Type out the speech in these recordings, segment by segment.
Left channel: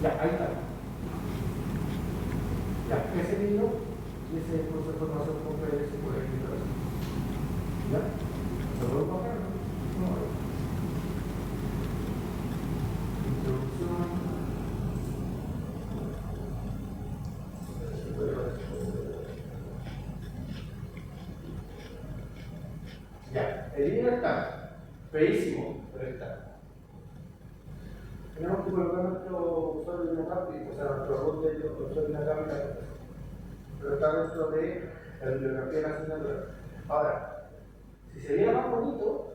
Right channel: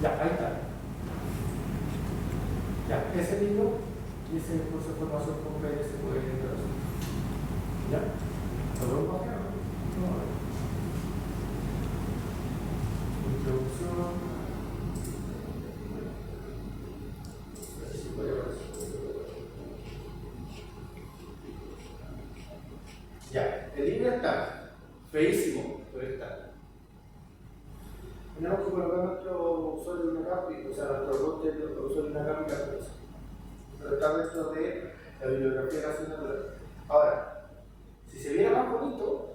Ya, ahí está. Ya, ese libro dice curso de formación completa y se puede ver. ¿Ya? ¿Lo vuelvo a hacer? No. Introducción. Ya, el libro está feísimo, pero está. Tenemos que colocar nuestro usuario de Inacap, o sea, nuestro robot de usuario de Inacap y la cosa. Pero está dentro de la bibliografía de la asignatura. Ahora, si se viera más bonito,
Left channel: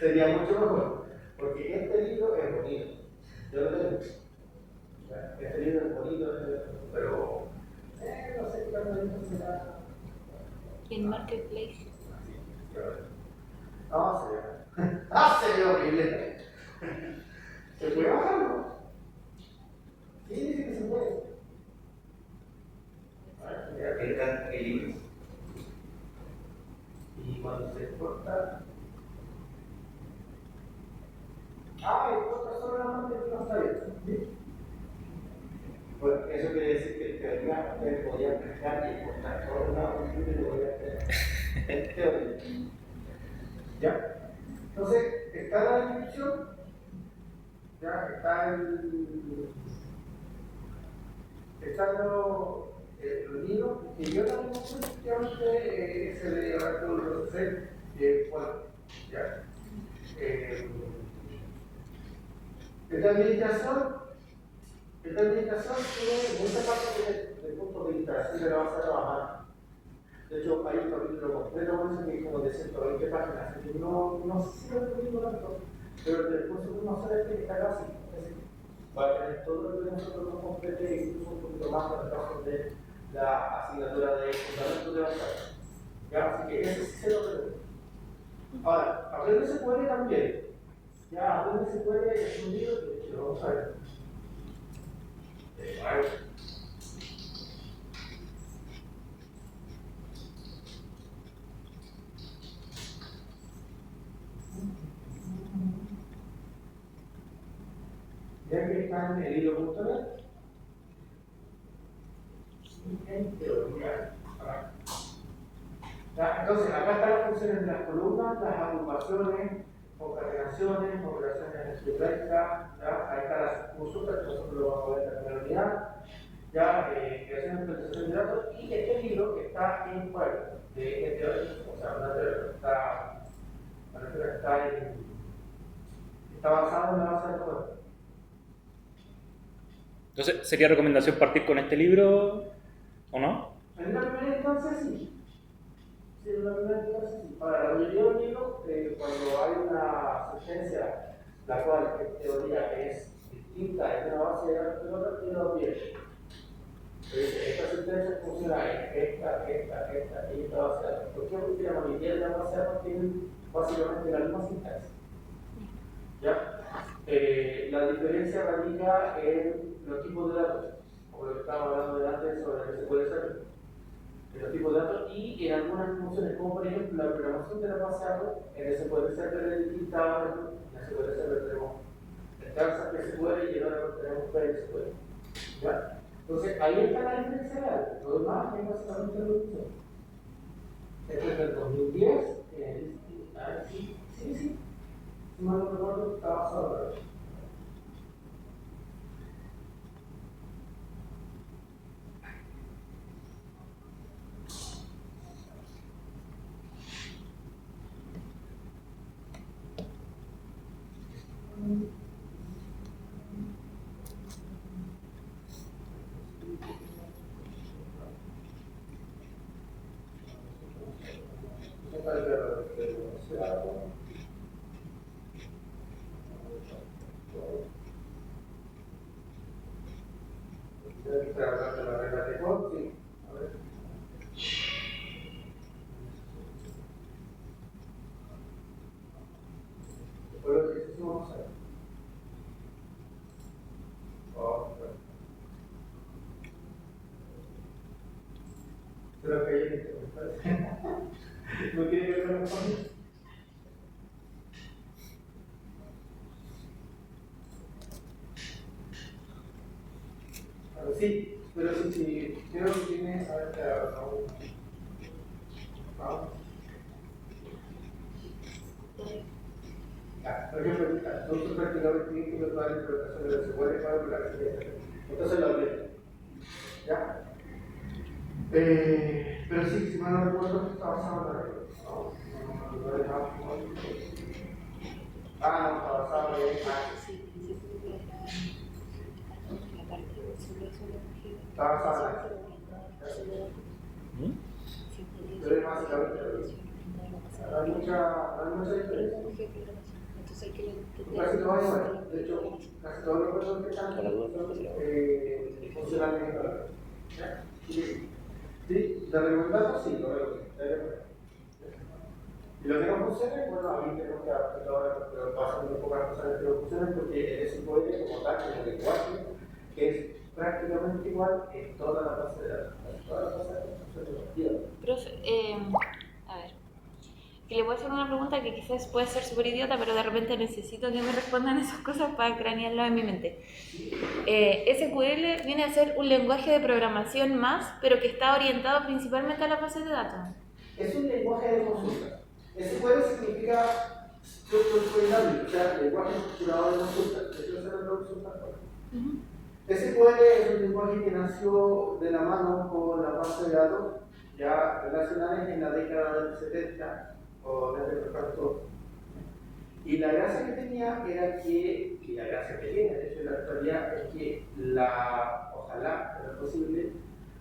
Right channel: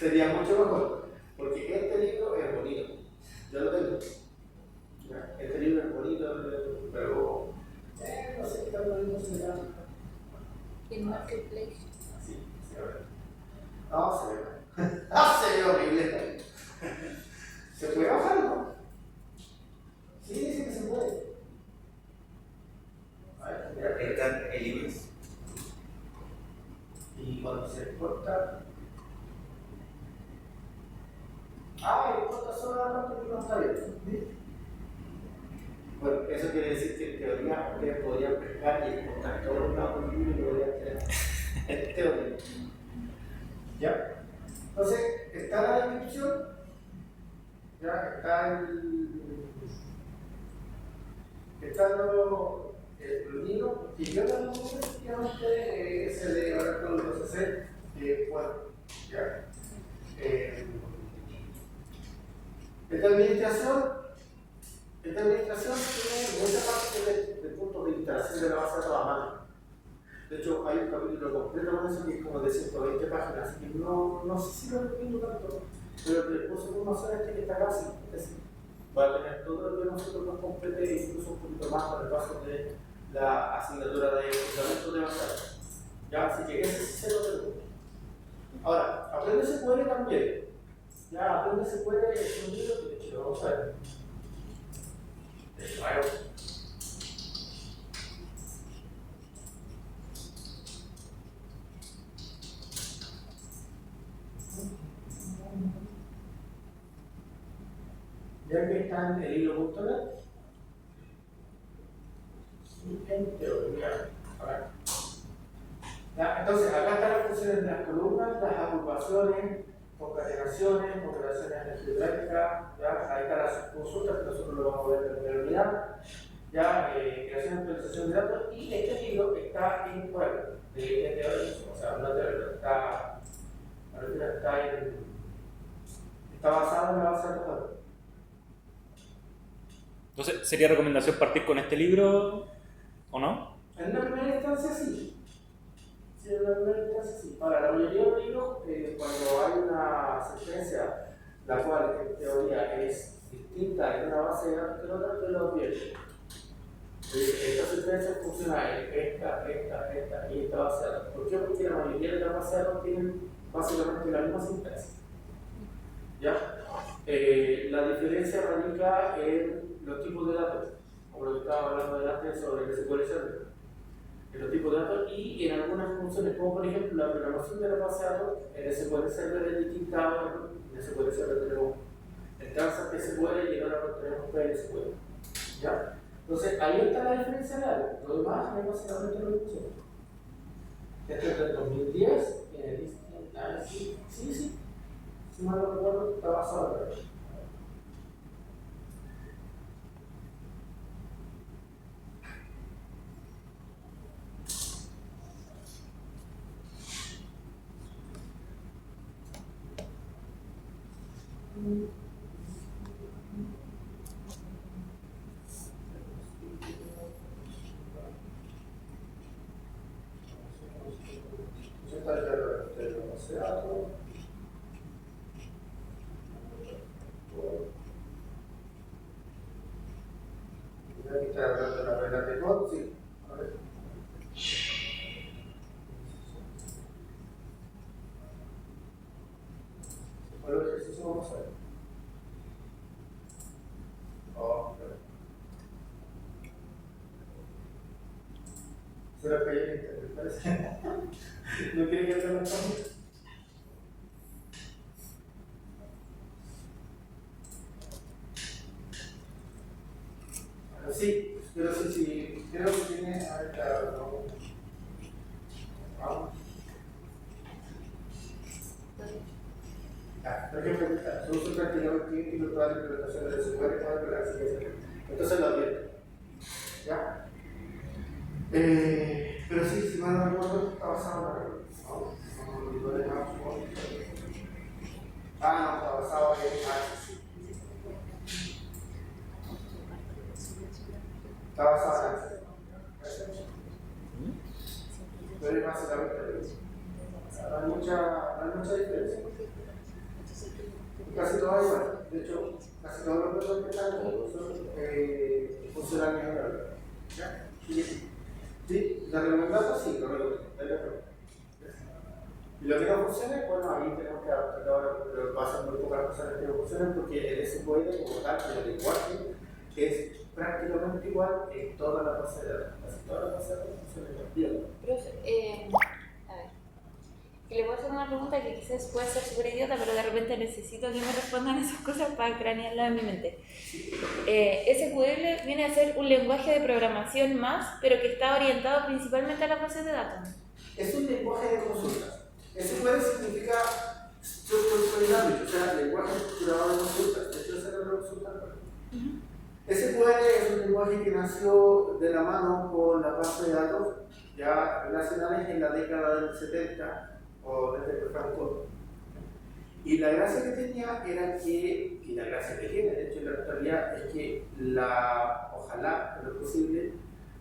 sería mucho mejor, porque este libro es bonito. Yo lo tengo. ¿Ya? Este libro es bonito, pero no sé qué tan bonito será. ¿Y en Marketplace? Sí, a ver. No, se ve. Se ve horrible. ¿Se puede bajar, no? Sí, dice que se puede. A ver, mira. Están en libros. Y cuando se exporta. Exporta solamente que no está bien. ¿Sí? Bueno, eso quiere decir que en teoría ustedes podrían pescar y exportar todos los lados del libro y lo podrían tener. En teoría. ¿Ya? Entonces, está la descripción. Ya, están los libros, y yo también efectivamente ese de Oracle 12C, bueno, ya. Esta administración tiene mucha parte del punto de instalación de la base de toda mano. De hecho, hay un capítulo completo con eso que es como de 120 páginas, así que no sé si lo recomiendo tanto, pero el curso de formación que está casi, es decir, va a tener todo lo que nosotros nos complete, incluso un poquito más para el caso de la asignatura de fundamentos de base. Ya, así que ese sí se lo recomiendo. Ahora, Aprende se puede también. Ya, Aprende se puede es un libro que de hecho lo vamos a ver. Ya que está en el hilo.net, en teoría. Entonces, acá están las funciones de las columnas, las agrupaciones, concatenaciones, correlaciones algebraicas, ahí están las consultas que nosotros lo vamos a ver en la unidad, creación y actualización de datos, y este libro está en web, de teoría, o sea, una teoría, está basado en la base de datos web. Entonces, ¿sería recomendación partir con este libro o no? En una primera instancia sí. Sí, en una primera instancia sí. Para la mayoría de los libros, cuando hay una sentencia, la cual en teoría es distinta en una base de datos que otra, te lo advierte. Esta sentencia funciona en esta y esta base de datos. ¿Por qué? Porque la mayoría de las bases de datos tienen básicamente la misma sintaxis. ¿Ya? La diferencia radica en los tipos de datos, como lo que estaba hablando delante sobre el SQL Server. En los tipos de datos y en algunas funciones, como por ejemplo la programación de la base de datos, en SQL Server es distinta, en SQL Server tenemos entradas que SQL y ahora tenemos PSQL. ¿Ya? Entonces ahí está la diferencia real, lo demás es básicamente lo mismo. Este es del 2010, sí, si mal no recuerdo, está basado en eso. Se lo caí en internet, parece. ¿No quiere que vean los pasos? Sí, pero sí, creo que tiene, a ver, claro, vamos. Por ejemplo, se usa prácticamente un local de implementación de SQL para la siguiente. Entonces lo abierto. ¿Ya? Pero sí, si mal no recuerdo, está basado en la red. No está basado en está basado en pero es básicamente no hay mucha diferencia. Casi todo es igual. De hecho, casi todos los procesos que están son funcionalmente ¿ya? Sí, de recomendarlo, sí, lo recomiendo. Y lo que no funcione, bueno, ahí tenemos que adaptar ahora, pero pasan muy pocas cosas que no funcionen porque el SQL como tal, el lenguaje, es prácticamente igual en toda la base de datos. Casi toda la base de datos funciona igual. Profe, a ver, que le voy a hacer una pregunta que quizás puede ser súper idiota, pero de repente necesito que me respondan esas cosas para cranearlas en mi mente. SQL viene a ser un lenguaje de programación más, pero que está orientado principalmente a las bases de datos. Es un lenguaje de consultas. SQL significa Structured Query Language, o sea, lenguaje estructurado de consultas. De hecho, esa es la traducción tal cual. SQL es un lenguaje que nació de la mano con las bases de datos ya relacionales en la década del 70 o desde el franco. Y la gracia que tenía era que, y la gracia que tiene, de hecho, en la actualidad, es que ojalá, pero es posible,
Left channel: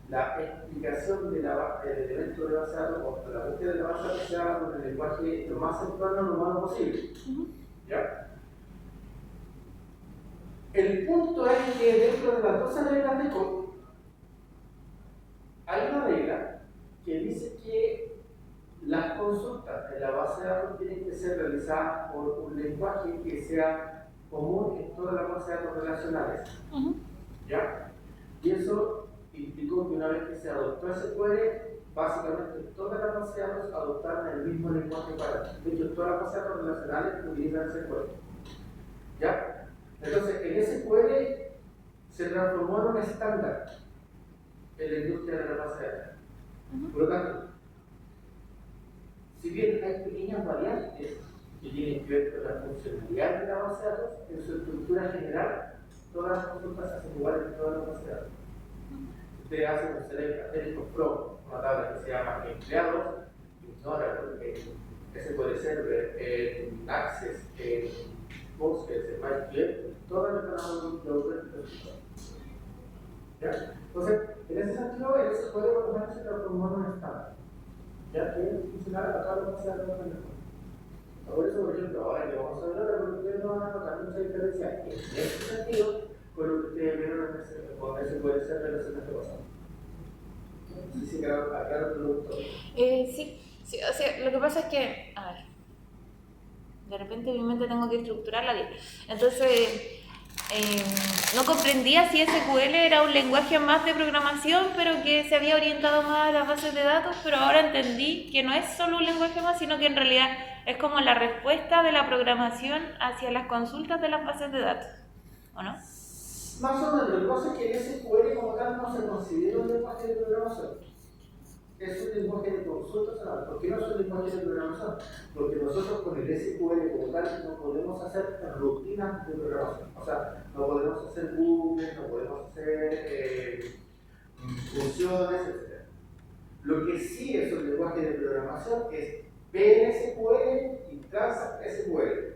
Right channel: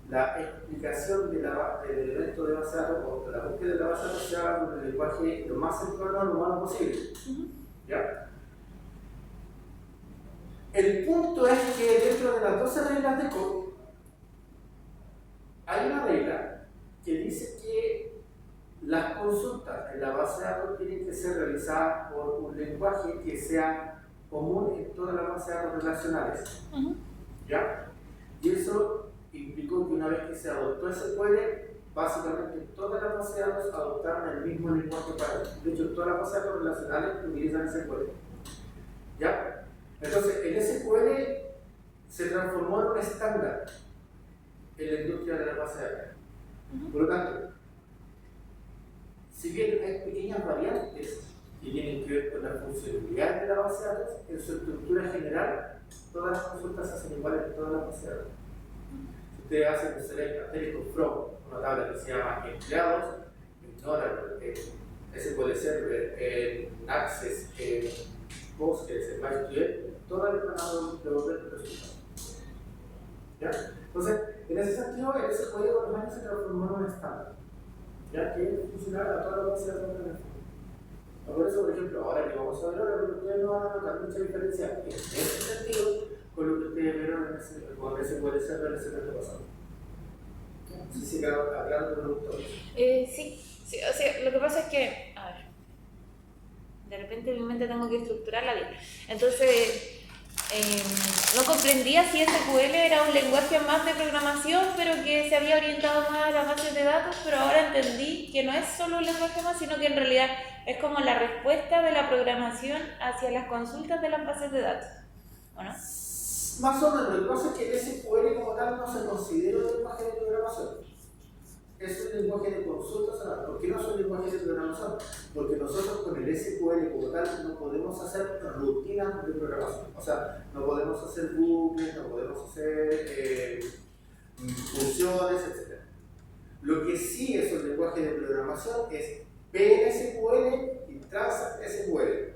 la explicación del elemento de base de datos o de la búsqueda de la base de datos sea con el lenguaje lo más cercano lo más posible. ¿Ya? El punto es que dentro de las 12 reglas de Coq hay una regla que dice que las consultas en la base de datos tienen que ser realizadas por un lenguaje que sea común en todas las bases de datos relacionales. ¿Ya? Y eso implicó que una vez que se adoptó SQL, básicamente todas las bases de datos adoptaron el mismo lenguaje para eso. De hecho, todas las bases de datos relacionales utilizan SQL. ¿Ya? Entonces, el SQL se transformó en un estándar en la industria de la base de datos. Por lo tanto, si bien hay pequeñas variantes que tienen que ver con la funcionalidad de la base de datos, en su estructura general, todas las consultas se hacen iguales en todas las bases de datos. Usted hace un select asterisco from, una tabla que se llama empleados, ignora SQL Server, Access, Postgres, MySQL, todas las van a devolver el resultado. ¿Ya? Entonces, en ese sentido, el SQL por lo menos se transformó en un estándar, ya que es funcional a todas las bases de datos en el fondo. Por eso, por ejemplo, ahora que vamos a ver ahora, ustedes no van a notar mucha diferencia en ese sentido con lo que ustedes vieron con SQL Server el semestre pasado. No sé si aclaro el producto. Sí, o sea, lo que pasa es que, a ver, de repente en mi mente tengo que estructurarla bien. Entonces, no comprendía si SQL era un lenguaje más de programación, pero que se había orientado más a las bases de datos, pero ahora entendí que no es solo un lenguaje más, sino que en realidad es como la respuesta de la programación hacia las consultas de las bases de datos, ¿o no? Más o menos, lo que pasa es que el SQL como tal no se considera un lenguaje de programación. Es un lenguaje de consultas. ¿Por qué no es un lenguaje de programación? Porque nosotros con el SQL como tal no podemos hacer rutinas de programación. O sea, no podemos hacer bucles, no podemos hacer funciones, etc. Lo que sí es un lenguaje de programación es PLSQL y TransactSQL.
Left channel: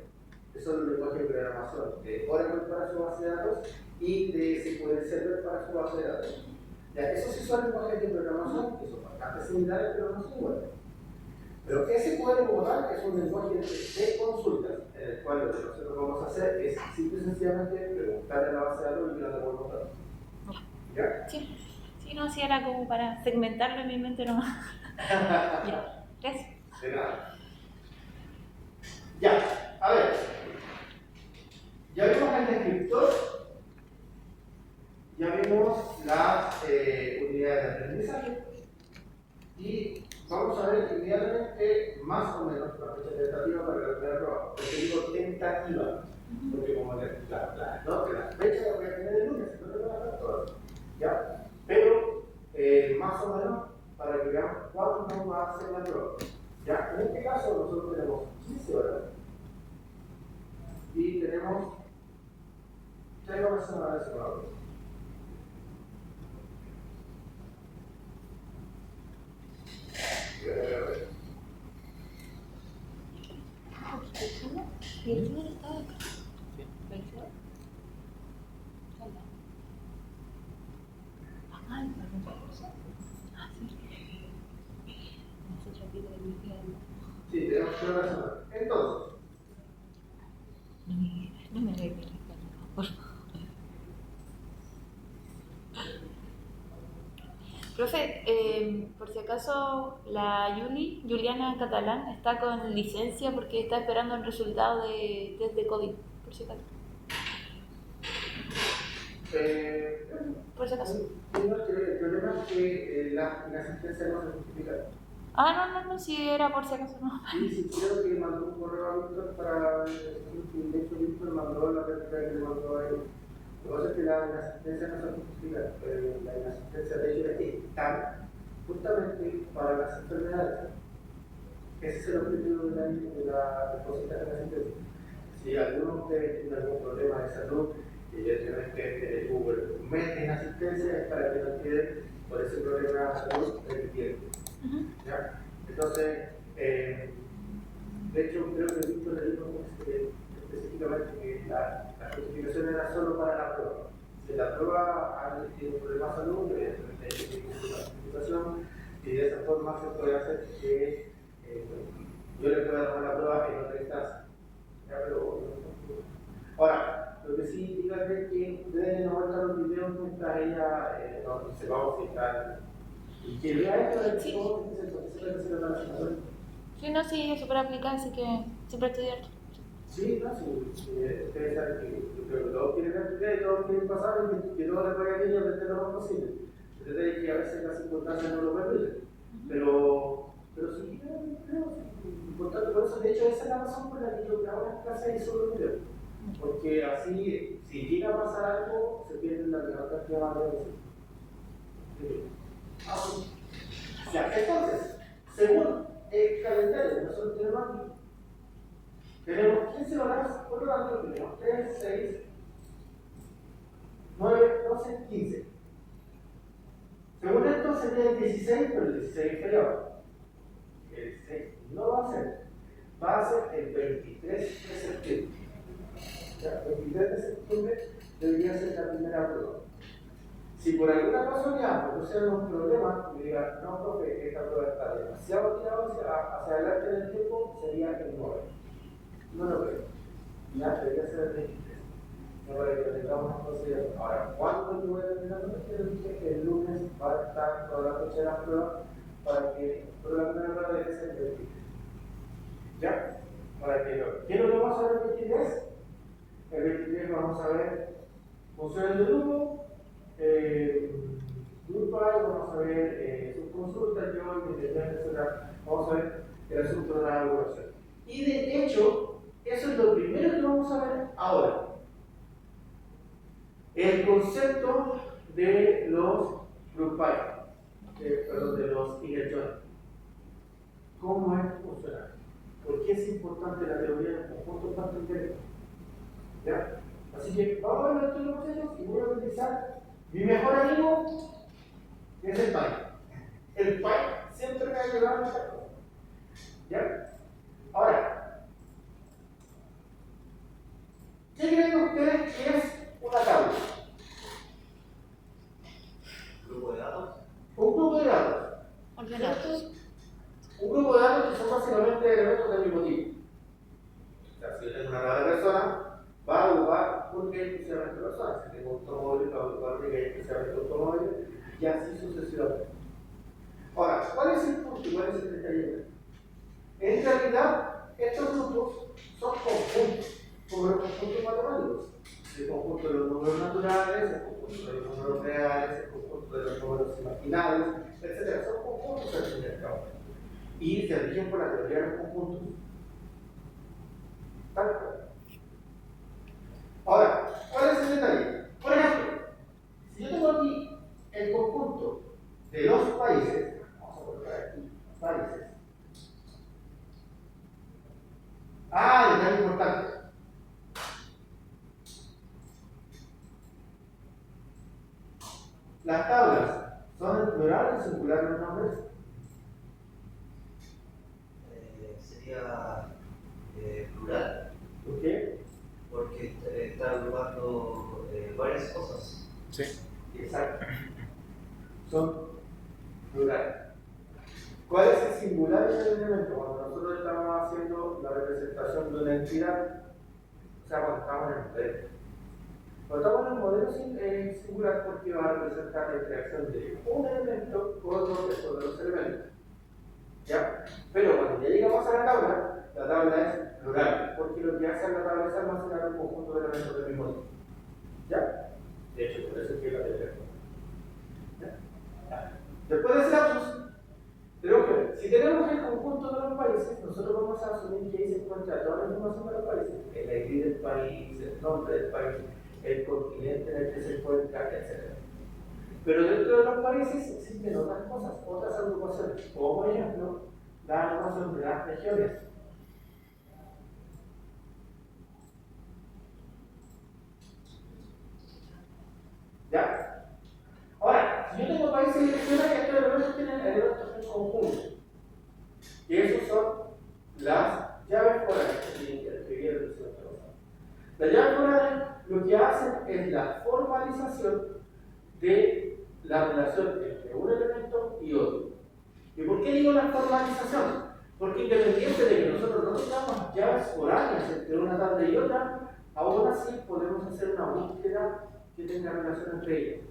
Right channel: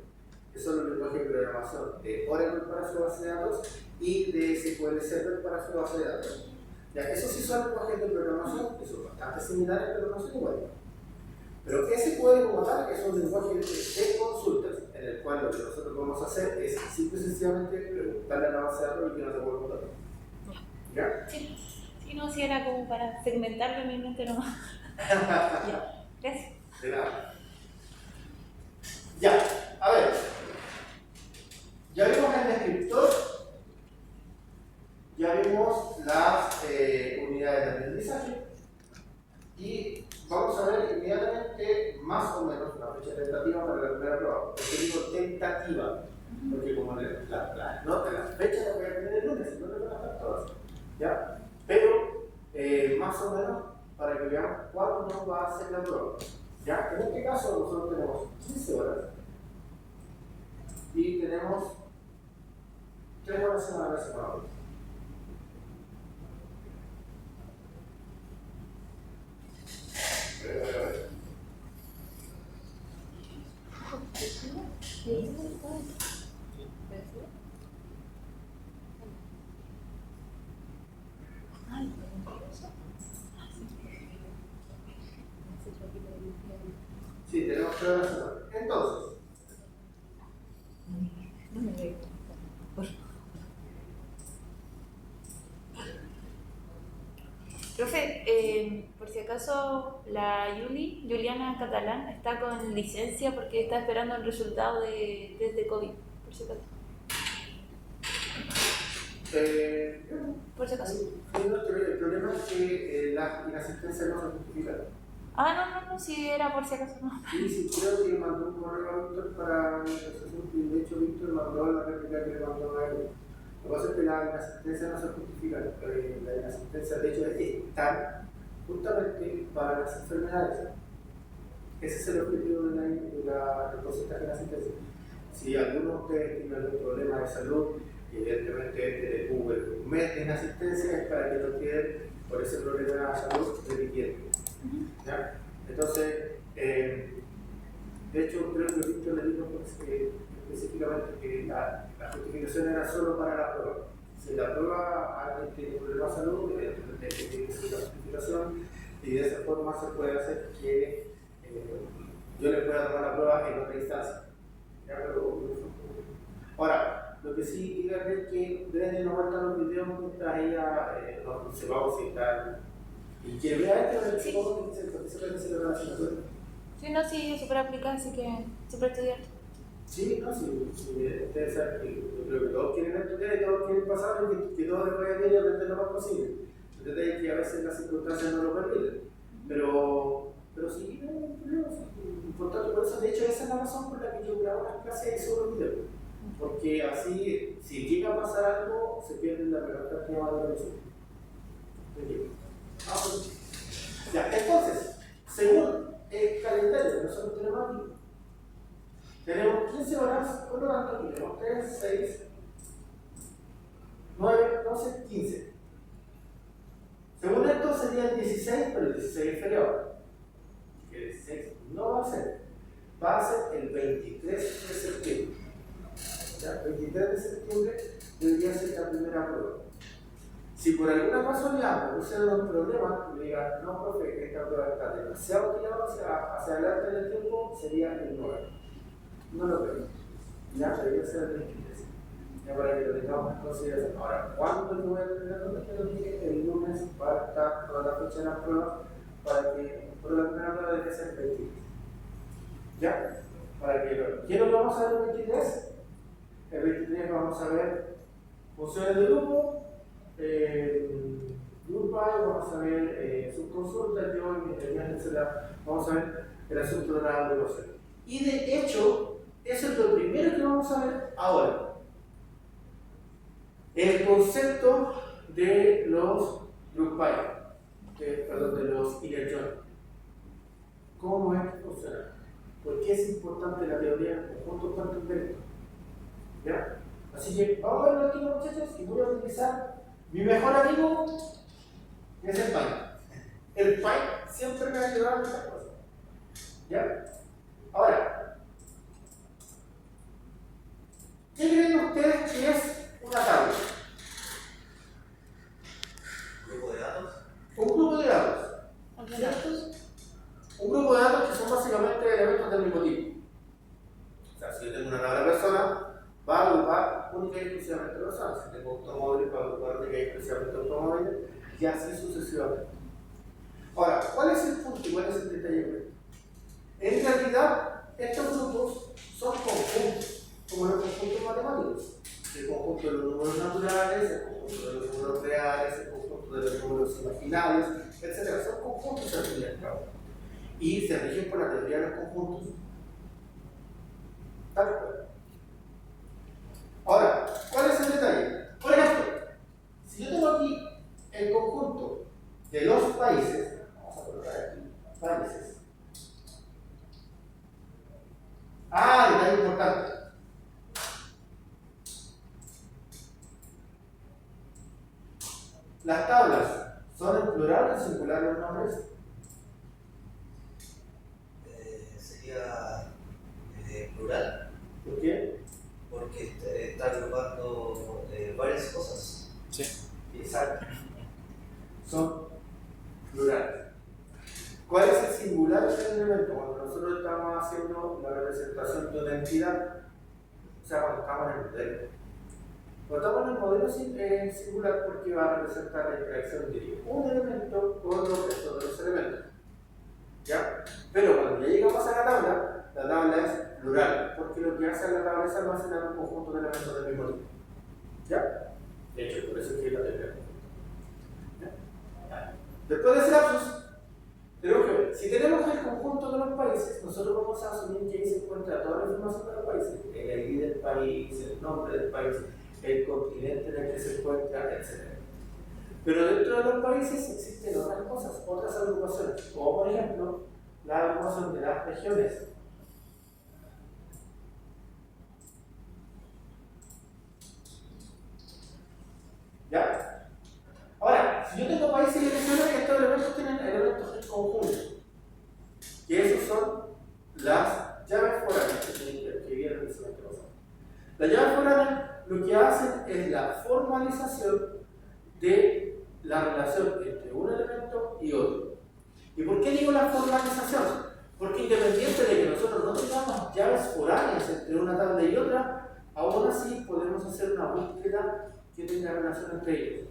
Esos son los lenguajes de programación de Oracle para su base de datos y de SQL Server para su base de datos. Ya, esos sí son lenguajes de programación que son bastante similares a programación igual. Pero SQL como tal es un lenguaje de consultas en el cual lo que nosotros vamos a hacer es simple y sencillamente preguntarle a la base de datos y que nos devuelva un dato. ¿Ya? Sí, no, si era como para segmentarlo en mi mente nomás. Ya, gracias. De nada. Ya, a ver. Ya vimos el descriptor, ya vimos las unidades de aprendizaje y vamos a ver inmediatamente más o menos la fecha tentativa para la primera prueba. ¿Por qué digo tentativa? Porque como las fecha las voy a tener el lunes, no las voy a dar todas. ¿ya? Pero, más o menos, para que veamos cuánto nos va a hacer la prueba. ¿Ya? En este caso, nosotros tenemos 15 horas y tenemos 3 horas semanales semanales. Sí, tenemos 3 horas semanales. Entonces, no me ve, por favor. Profe, por si acaso la Juliana Catalán, está con licencia porque está esperando el resultado de test de COVID, por si acaso. Por si acaso. el problema es que la inasistencia no se justifica. No, si era por si acaso, no. Sí, sí, creo que mandó un correo a Víctor para y de hecho Víctor mandó la réplica que le mandó a él. Lo que pasa es que la inasistencia no se justifica. La inasistencia, de hecho, está justamente para las enfermedades. Ese es el objetivo del porcentaje de inasistencia. Si alguno de ustedes tiene algún problema de salud, y evidentemente tuvo un mes de inasistencia, es para que no quede por ese problema de salud repitiendo. ¿Ya? Entonces, de hecho, creo que Víctor le dijo específicamente que la justificación era solo para la prueba. Si la prueba alguien tiene problemas de salud, evidentemente hay que tener la justificación y de esa forma se puede hacer que yo le pueda dar la prueba en otra instancia. ¿Ya? Ahora, lo que sí díganle es que deben no mostrar los videos mientras ella nos observamos si está. Y que vea esto del chico que se lo transmite. Sí, no, sí, súper aplicada, así que siempre estudiar. Sí, no, sí, ustedes saben que yo creo que todos quieren estudiar y todos quieren pasar y que todos les vaya bien y aprender lo más posible. El detalle es que a veces las circunstancias no lo permiten. Pero sí, creo que es importante por eso. De hecho, esa es la razón por la que yo grabo las clases y subo los videos. Porque así, si llega a pasar algo, se pierde la mejor que va a realizar. Ya, entonces, según el calendario que nosotros tenemos aquí, tenemos 15 horas, por lo tanto, tenemos 3, 6, 9, 12, 15. Según esto sería el 16, pero el 16 es feriado. El 16 no va a ser, va a ser el 23 de septiembre. ¿Ya? 23 de septiembre debería ser la primera prueba. Si por alguna casualidad produciera un problema, me diga, no, profe, esta prueba está demasiado tirada hacia adelante en el tiempo, sería el 9. No lo veo. Ya debería ser el 23. Ya para que lo tengamos en consideración. Ahora, ¿cuándo yo voy a terminar? Te lo dije, el lunes va a estar toda la fecha de las pruebas para que por la primera prueba debe ser el 23. ¿Ya? Para que lo. ¿Qué es lo que vamos a ver el 23? El 23 vamos a ver funciones de grupo. Grupal, vamos a ver subconsulta, yo y mi inteligencia, vamos a ver el asunto de la evaluación. Y de hecho, eso es lo primero que vamos a ver ahora. El concepto de los grupal, perdón, de los inerciones. ¿Cómo es que funciona? ¿Por qué es importante la teoría de conjuntos tanto indirectos? ¿Ya? Así que vamos a ver aquí, muchachos, y voy a utilizar mi mejor amigo es el Pi. El Pi siempre me va a ayudar en esta cosa. ¿Ya? Ahora, ¿qué creen ustedes que es una tabla? ¿Grupo de datos? Un grupo de datos. Ordenados. Un grupo de datos que son básicamente elementos del mismo tipo. O sea, si yo tengo una tabla de personas, va a agrupar única y exclusivamente personas. Si tengo automóviles, va a agrupar única y exclusivamente automóviles, y así sucesivamente. Ahora, ¿cuál es el punto y cuál es el detalle? En realidad, estos grupos son conjuntos, como los conjuntos matemáticos. El conjunto de los números naturales, el conjunto de los números reales, el conjunto de los números imaginarios, etc. Son conjuntos al fin y al cabo. Y se rigen por la teoría de los conjuntos. ¿Tal cual? Ahora, ¿cuál es el detalle? Por ejemplo, si yo tengo aquí Las tablas, ¿son en plural o en singular los nombres? Sería plural, ¿Por qué? porque está agrupando varias cosas. Sí. Exacto. Son plurales. ¿Cuál es el singular del elemento? Cuando nosotros estamos haciendo la representación de una entidad, o sea, cuando estamos en el modelo. Cuando estamos en el modelo es singular porque va a representar la interacción de un elemento con los restos de los elementos. ¿Ya? Pero cuando ya llegamos a la tabla es plural, porque lo que hace la tabla es almacenar un conjunto de elementos del mismo tipo. ¿Ya? De hecho, por eso es que la tenemos. Después de ese lapsus, tenemos que ver, si tenemos el conjunto de los países, nosotros vamos a asumir que ahí se encuentra toda la información de los países, el ID del país, el nombre del país, el continente en el que se encuentra, etc. Pero dentro de los países existen otras cosas, otras agrupaciones, como por ejemplo la agrupación de las regiones. ¿Ya? Ahora, si yo tengo países y regiones, estos elementos tienen elementos en conjunto. Y esos son las llaves foráneas que vieron el semestre pasado. Las llaves foráneas lo que hacen es la formalización de la relación entre un elemento y otro. ¿Y por qué digo la formalización? Porque independiente de que nosotros no tengamos llaves foráneas entre una tabla y otra, aún así podemos hacer una búsqueda que tenga relación entre ellos.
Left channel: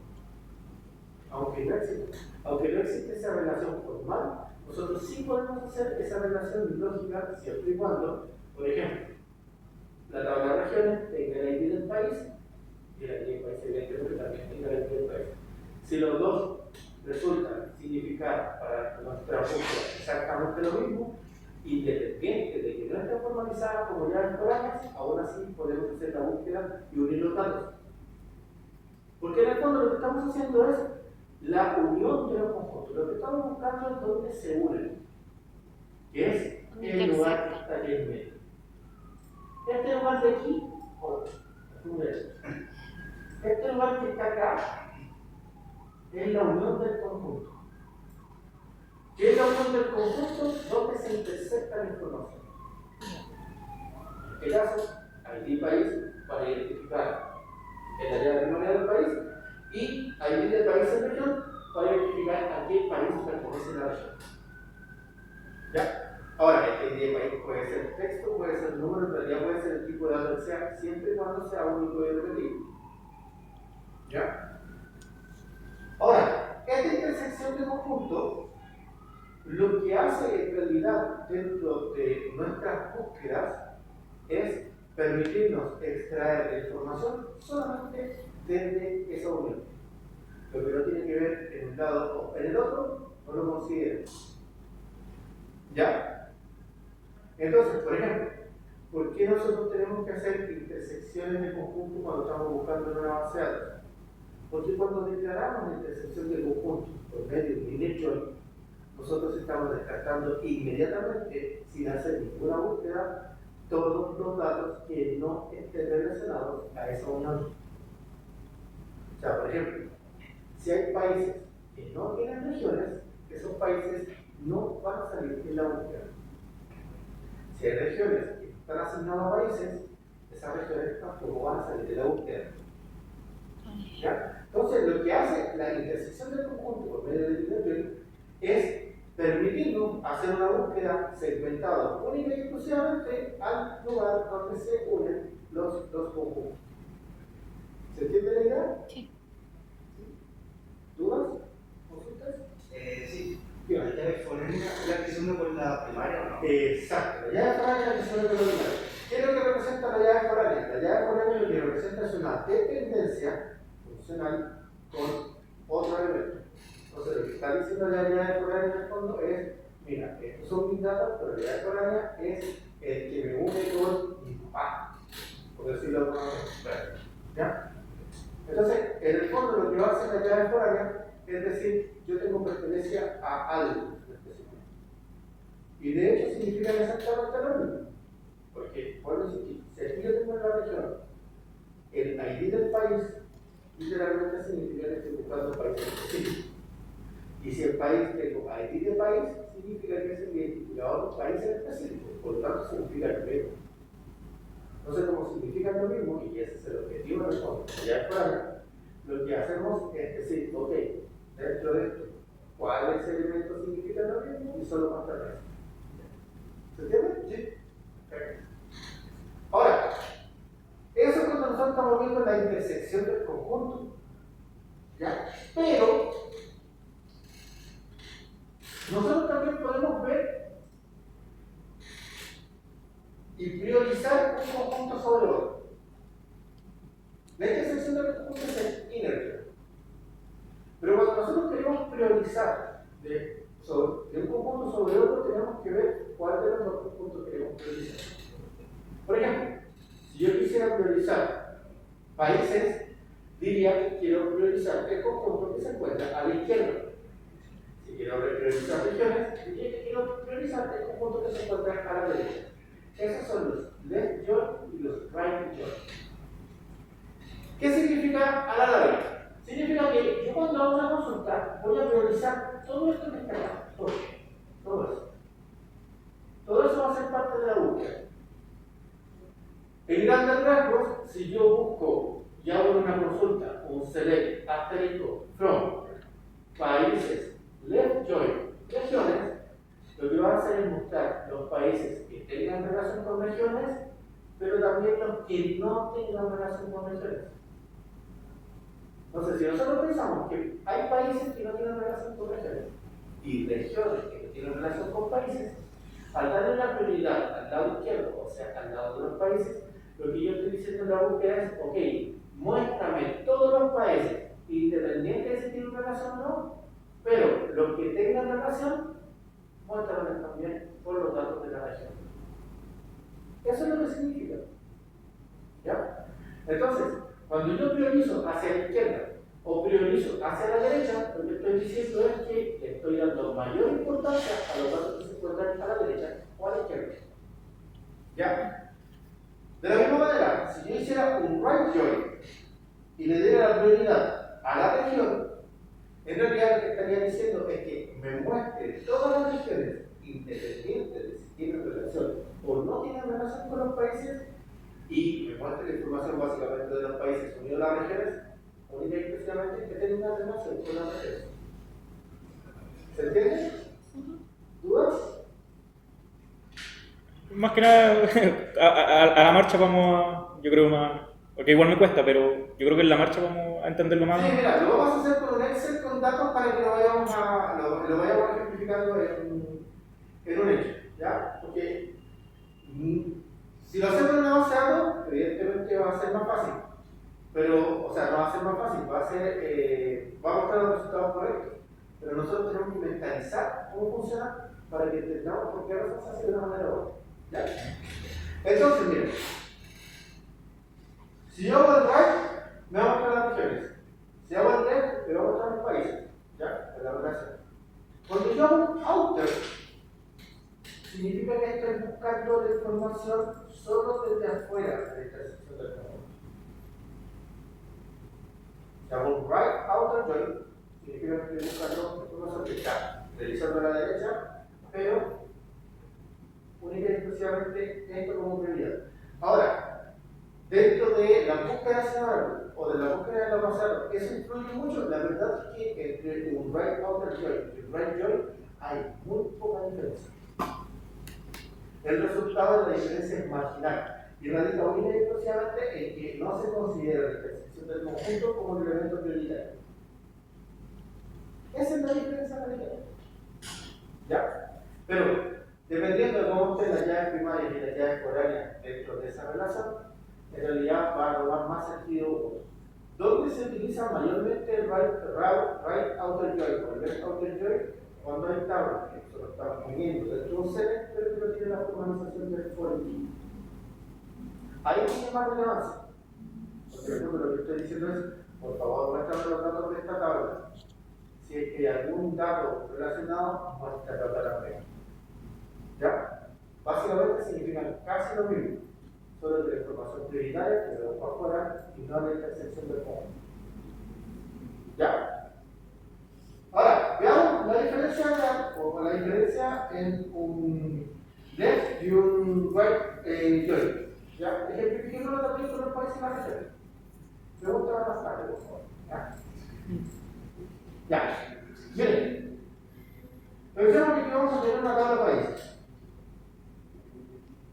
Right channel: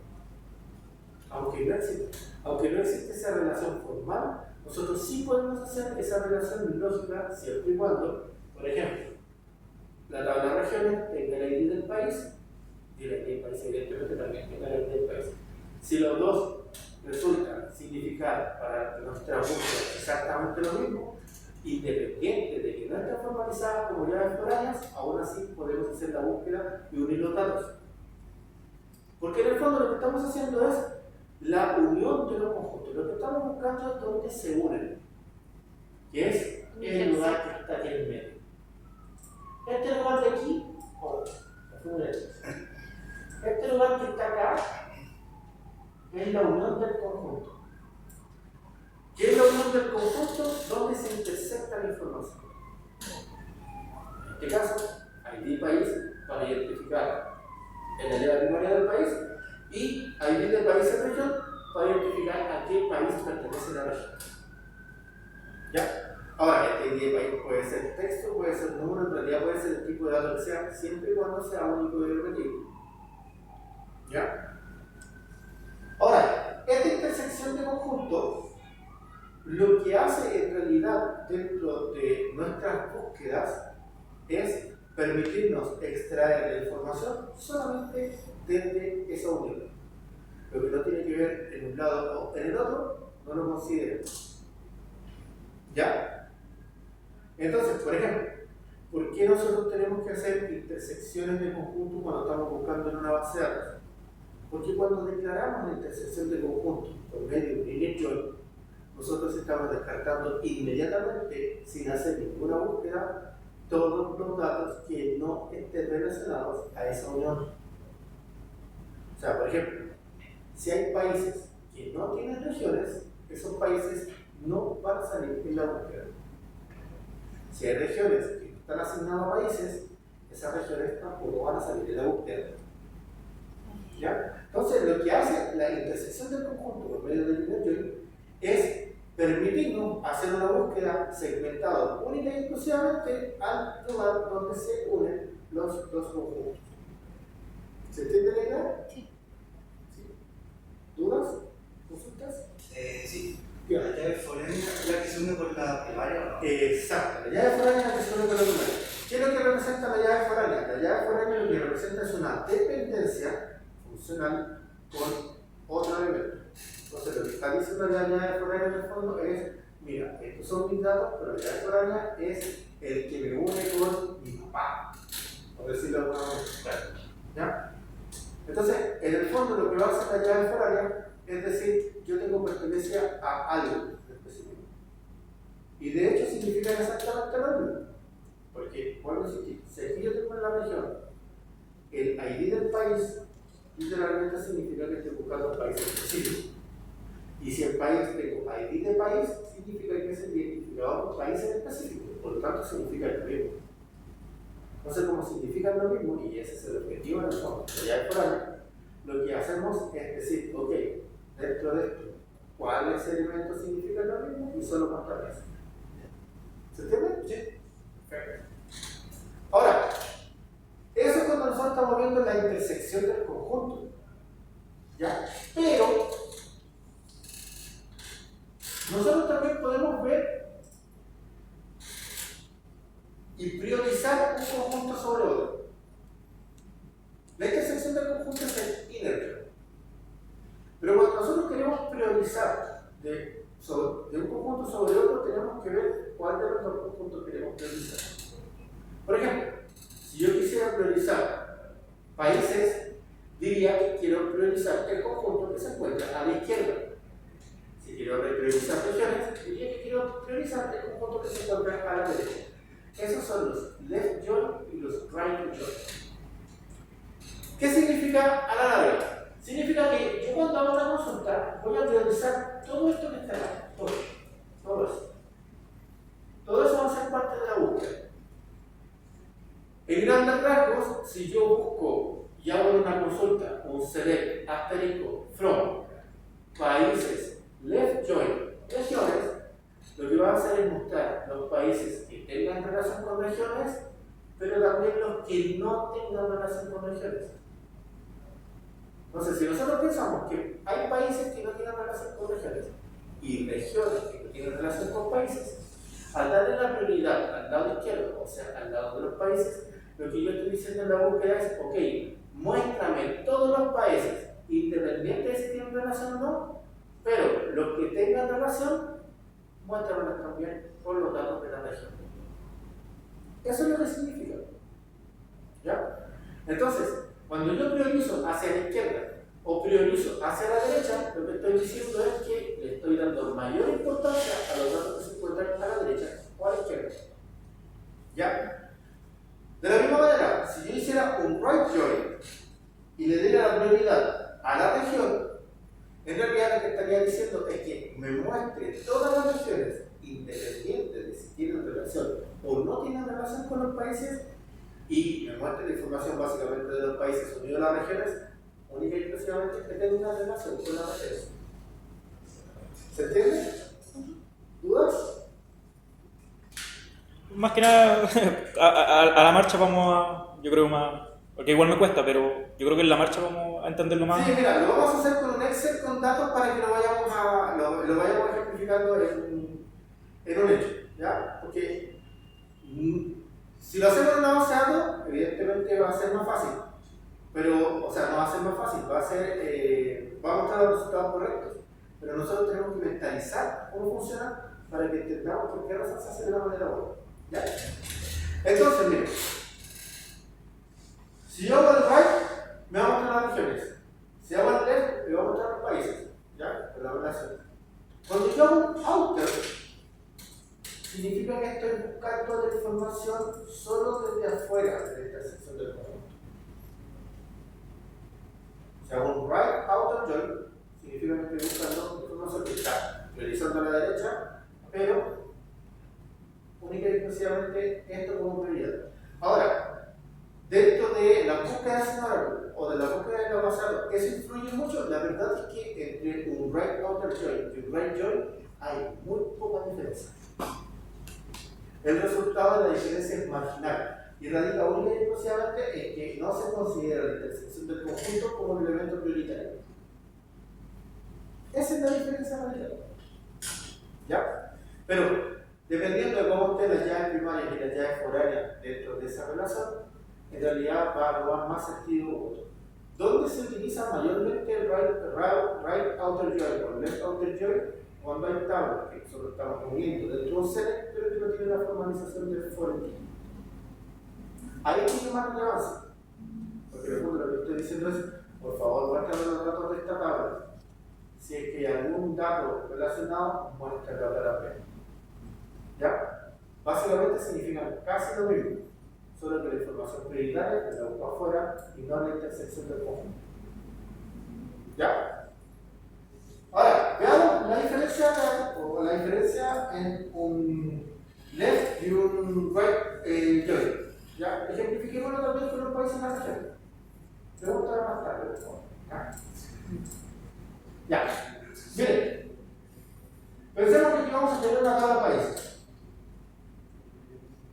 Aunque no existe esa relación formal, nosotros sí podemos hacer esa relación lógica siempre y cuando, por ejemplo, la tabla de regiones tenga el ID del país y el ID del país evidentemente también tenga el ID del país. Si los dos resultan significar para nuestra búsqueda exactamente lo mismo, independiente de que no esté formalizada como llaves foráneas, aún así podemos hacer la búsqueda y unir los datos. Porque en el fondo lo que estamos haciendo es la unión de los conjuntos. Lo que estamos buscando es dónde se unen, que es el lugar que está aquí en medio. Este lugar de aquí, este lugar que está acá, es la unión del conjunto. ¿Qué es la unión del conjunto? Donde se intercepta la información. En este caso, ID país para identificar en la llave primaria del país y ID del país en región para identificar a qué país pertenece la región. ¿Ya? Ahora, este ID de país puede ser texto, puede ser número, en realidad puede ser el tipo de dato que sea, siempre y cuando sea único y repetible. ¿Ya? Ahora, esta intersección de conjuntos lo que hace en realidad dentro de nuestras búsquedas es permitirnos extraer la información solamente desde esa unión. Lo que no tiene que ver en un lado o en el otro, no lo considero. ¿Ya? Entonces, por ejemplo, ¿por qué nosotros tenemos que hacer intersecciones de conjuntos cuando estamos buscando en una base de datos? Porque cuando declaramos la intersección de conjuntos por medio de un init join, nosotros estamos descartando inmediatamente, sin hacer ninguna búsqueda, todos los datos que no estén relacionados a esa unión. O sea, por ejemplo, si hay países que no tienen regiones, esos países no van a salir en la búsqueda. Si hay regiones que están asignadas a países, esas regiones tampoco van a salir de la búsqueda. ¿Ya? Entonces, lo que hace la intersección del conjunto por medio del init join es permitirnos hacer una búsqueda segmentada única y exclusivamente al lugar donde se unen los conjuntos. ¿Se entiende la idea? Sí. ¿Sí? ¿Dudas? ¿Consultas? Sí. ¿La llave foránea es la que se une con la primaria o no? Exacto, la llave foránea es la que se une con la primaria. ¿Qué es lo que representa la llave foránea? La llave foránea lo que representa es una dependencia funcional con otro elemento. Entonces, lo que está diciendo la llave foránea en el fondo es: mira, estos son mis datos, pero la llave foránea es el que me une con mi papá, por decirlo de alguna manera. ¿Ya? Entonces, en el fondo, lo que va a hacer la llave foránea es decir, yo tengo pertenencia a algo específico. Y de hecho, significa exactamente lo mismo. Porque, por decir, si aquí yo tengo en la región el ID del país, literalmente significa que estoy buscando un país específico. Y si el país tengo ID de país, significa que es el identificador de un país en específico, por lo tanto significa lo mismo. Entonces, como significan lo mismo, y ese es el objetivo del fondo, ya por ahí, lo que hacemos es decir, ok, dentro de esto, ¿cuáles elementos significan lo mismo? Y solo mostrar eso. ¿Se entiende? Sí. Perfecto. Ahora, eso es cuando nosotros estamos viendo la intersección del conjunto. ¿Ya? Pero, nosotros también podemos ver y priorizar un conjunto sobre otro. La intersección del conjunto es el inner join. Pero cuando nosotros queremos priorizar de un conjunto sobre otro, tenemos que ver cuál de los dos conjuntos queremos priorizar. Por ejemplo, si yo quisiera priorizar países, diría que quiero priorizar el conjunto que se encuentra a la izquierda. Si quiero priorizar regiones, diría que quiero priorizar el conjunto que se encuentra a la derecha. Esos son los left join y los right join. ¿Qué significa a la larga? Significa que yo cuando hago una consulta voy a priorizar todo esto que está acá, todo eso. Todo eso va a ser parte de la búsqueda. En grandes rasgos, si yo busco y hago una consulta, un select asterisco from países left join regiones, lo que va a hacer es mostrar los países que tengan relación con regiones, pero también los que no tengan relación con regiones. Entonces, si nosotros pensamos que hay países que no tienen relación con regiones y regiones que no tienen relación con países, al darle la prioridad al lado izquierdo, o sea, al lado de los países, lo que yo estoy diciendo en la búsqueda es, ok, muéstrame todos los países, independientemente de si tienen relación o no, pero los que tengan relación, muéstramelos también por los datos de la región. Eso es lo que significa. ¿Ya? Entonces, cuando yo priorizo hacia la izquierda o priorizo hacia la derecha, lo que estoy diciendo es que le estoy dando mayor importancia a los datos que se encuentran a la derecha o a la izquierda. ¿Ya? De la misma manera, si yo hiciera un right join y le diera la prioridad a la región, en realidad lo que estaría diciendo es que me muestre todas las regiones, independientes de si tienen relación o no tienen relación con los países, y me muestre la información básicamente de los países unidos a las regiones, única y exclusivamente que tengan una relación con las regiones. ¿Se entiende? ¿Dudas? Más que nada, a la marcha vamos a, yo creo más, porque igual me cuesta, pero yo creo que en la marcha vamos a entenderlo más. Sí, mira, lo vamos a hacer con un Excel con datos para que lo vayamos ejemplificando en un hecho, ¿ya? Porque si lo hacemos en una base de datos, evidentemente va a ser más fácil, pero, o sea, no va a ser más fácil, va a mostrar los resultados correctos, pero nosotros tenemos que mentalizar cómo funciona para que entendamos por qué razón se hace de una manera u otra. ¿Ya? Entonces, miren, si yo hago el right, me va a mostrar las regiones. Si hago el left, me va a mostrar los países. ¿Ya? De la relación. Cuando yo hago un outer, significa que estoy buscando la información solo desde afuera de esta sección del conjunto. Si hago un right outer join, significa que estoy buscando información que está realizando a la derecha, pero única y exclusivamente esto como prioridad. Ahora, dentro de la búsqueda semanal o de la búsqueda de la pasada, ¿eso influye mucho? La verdad es que entre un right outer join y un right join hay muy poca diferencia. El resultado de la diferencia es marginal y radica única y exclusivamente en que no se considera la intersección del conjunto como un elemento prioritario. Esa es la diferencia radical. ¿Ya? Pero dependiendo de cómo estén las llaves primarias y las llaves foráneas dentro de esa relación, en realidad va a tomar más sentido otro. ¿Dónde se utiliza mayormente el right outer join o left outer join? Cuando hay tablas que nosotros estamos poniendo dentro de un set, pero que no tiene la formalización del foreign. Ahí tiene más relevancia. Porque lo que estoy diciendo es, por favor, muéstrame los datos de esta tabla. Si es que hay algún dato relacionado, muéstralo también. ¿Ya? Básicamente significan casi lo mismo, solo que la información prioritaria te la busco afuera y no la intersección del conjunto. ¿Ya? Ahora, veamos la diferencia real, o la diferencia en un left y un right join. ¿Ya? Ejemplifiquémoslo también con los países en la región. Pregunta más tarde, por favor. ¿Ya? Ya. Miren, pensemos que aquí vamos a tener una tabla de países.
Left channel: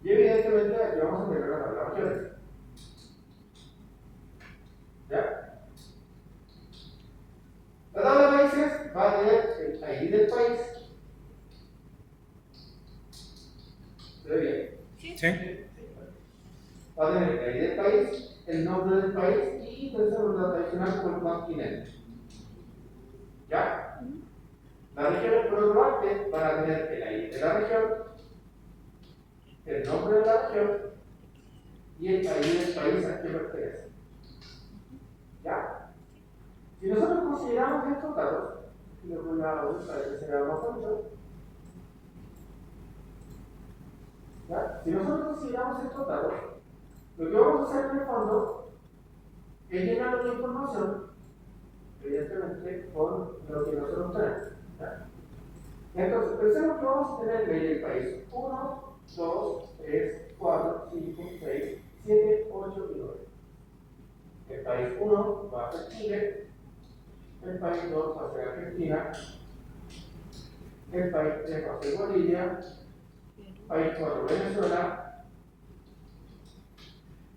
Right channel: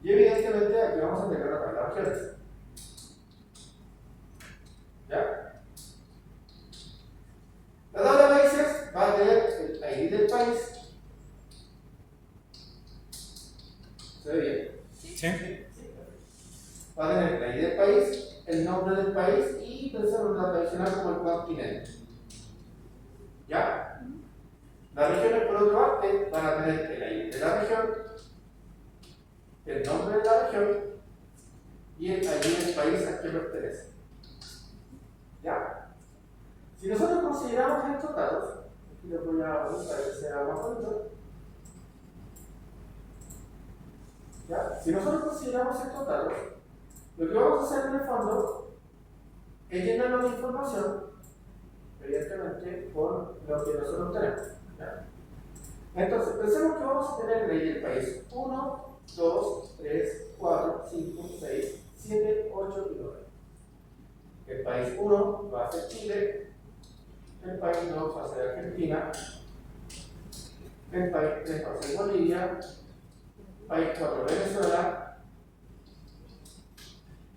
Y evidentemente aquí vamos a tener una tabla de regiones. ¿Ya? La tabla de países va a tener el ID del país. ¿Se ve bien? ¿Sí? Va a tener el ID del país, el nombre del país y pensemos en la tradicional como el continente. ¿Ya? Las regiones, por otra parte, van a tener el ID de la región, el nombre de la región y el ID del país al que pertenece. ¿Ya? Si nosotros consideramos estos datos, aquí les voy a poner para que se vea más bonito. ¿Ya? Si nosotros consideramos estos datos, lo que vamos a hacer en el fondo es llenar la información, evidentemente, con lo que nosotros tenemos. ¿Ya? Entonces, pensemos que vamos a tener ley del país 1, 2, 3, 4, 5, 6, 7, 8 y 9. El país 1 va a ser Chile, el país 2 va a ser Argentina, el país 3 va a ser Bolivia, el país 4 Venezuela,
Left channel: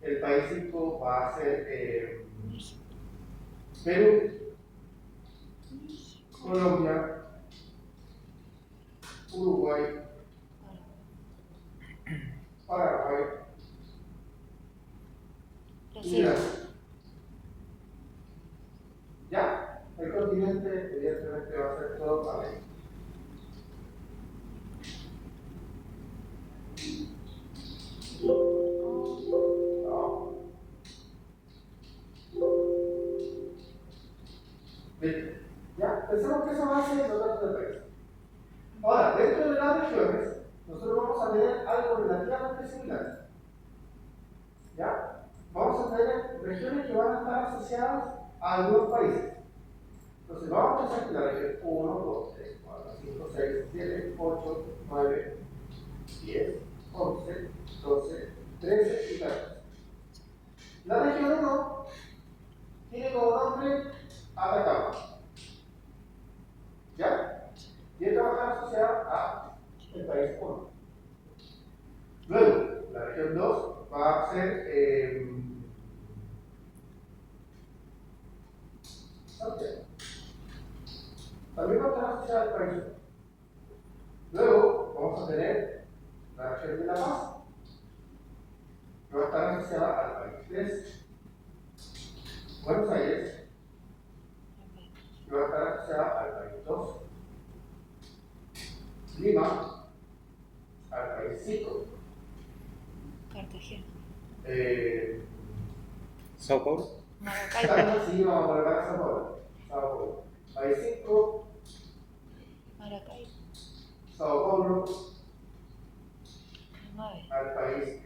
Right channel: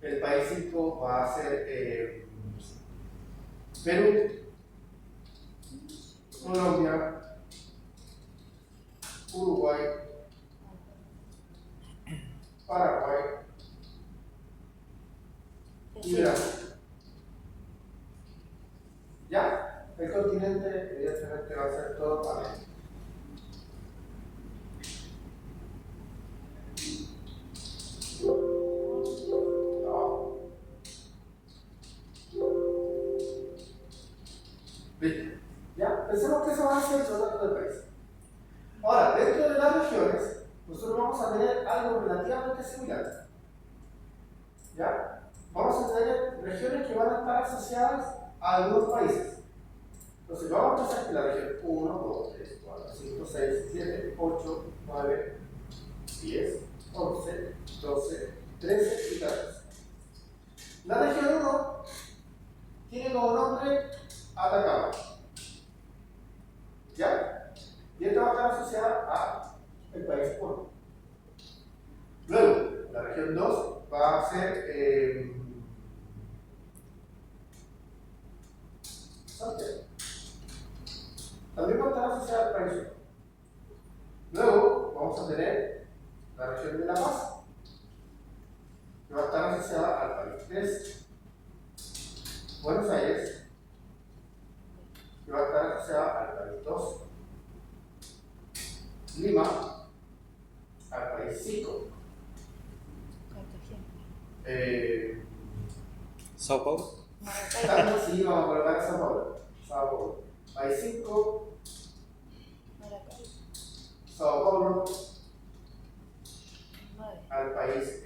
el país 5 va a ser Perú, Colombia, Uruguay, Paraguay y Brasil. Ya, el continente evidentemente va a ser todo para ahí. No. ¿Viste? Ya, pensemos que eso va a ser los datos del país. Ahora, dentro de las regiones, nosotros vamos a tener algo relativamente similar. ¿Ya? Vamos a tener regiones que van a estar asociadas a algunos países. Entonces, vamos a pensar que la región 1, 2, 3, 4, 5, 6, 7, 8, 9, 10, 11, 12, 13 y 14. La región 1 tiene como nombre Atacama. ¿Ya? Y esto va a estar asociado a el país 1. Luego, la región 2 va a ser Santiago. También va a estar asociada al país 1. Luego, vamos a tener la región de La Paz, que va a estar asociada al país 3. Buenos Aires, que va a estar asociada al país 2. Lima, al país 5. Cartagena. Sao Paulo. Sí, vamos a colocar a Sao Paulo. Sao Paulo. País 5, Maracay. Sao Paulo, 9. al país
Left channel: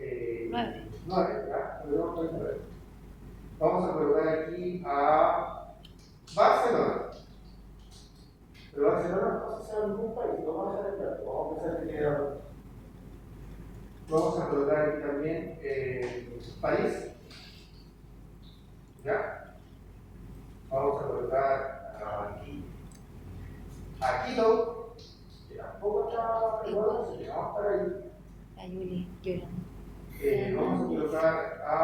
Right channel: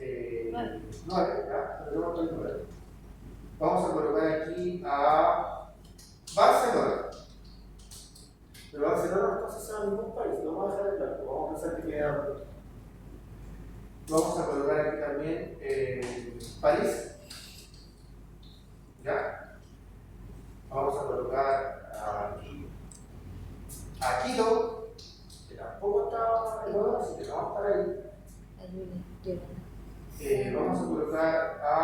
9. 9, ¿ya? Tenemos país 9. Vamos a colocar aquí a Barcelona. Pero Barcelona no está asociado a ningún país, no vamos a dejar de claro. Vamos a pensar que queda. Vamos a colocar aquí también París. ¿Ya? Vamos a colocar aquí a Quito, que tampoco está igual, así que vamos para ahí. La Yuli llorando. Vamos a colocar a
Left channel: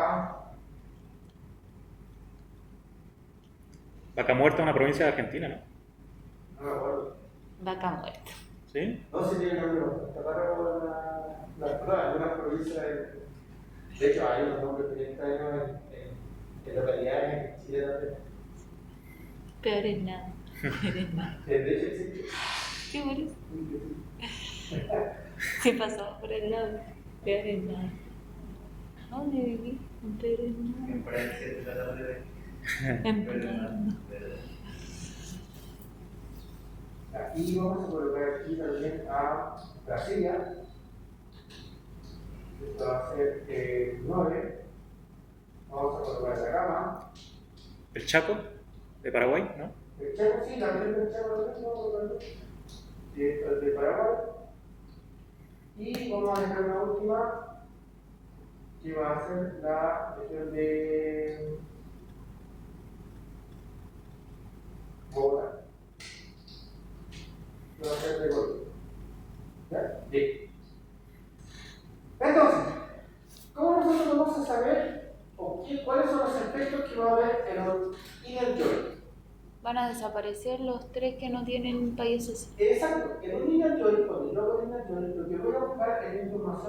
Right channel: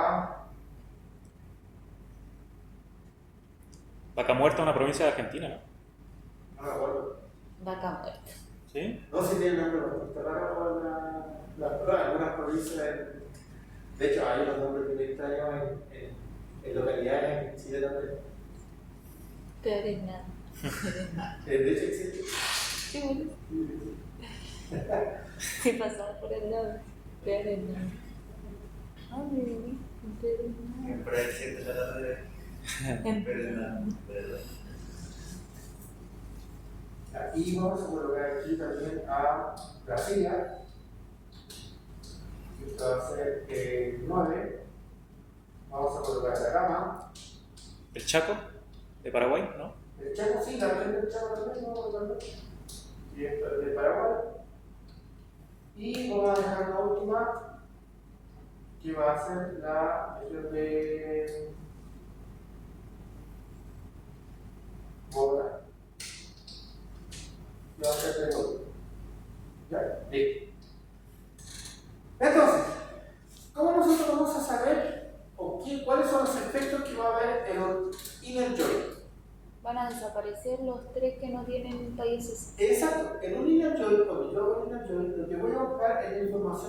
Vaca Muerta, una provincia de Argentina, ¿no? no me acuerdo. Vaca muerta. ¿Sí? No sé si tiene nombre, está raro algunas provincias. De hecho, hay unos nombres bien extraños en localidades en Chile también. Peor es nada. Peor es nada. De hecho, existe. Sí, bueno. Sí pasaba por el lado. Peor es nada. ¿Dónde viví? En Peor es nada. Por ahí siete de la tarde. En Pero Peor es nada, nada. verdad. Y vamos a colocar aquí también a Brasilia. Esto va a ser 9. Vamos a colocar Atacama. El Chaco, de Paraguay, ¿no? El Chaco sí, la región del Chaco también, ¿no? De Paraguay. Y vamos a dejar la última, que va a ser la región de Bogotá. Que va a ser de Bogotá. ¿Ya? Listo. Entonces, ¿cómo nosotros vamos a saber cuáles son los efectos que va a haber en el inner joint? Van a desaparecer los 3 que no tienen países. Exacto, en un inner joint, cuando yo hago el inner joint, lo que voy a buscar es la información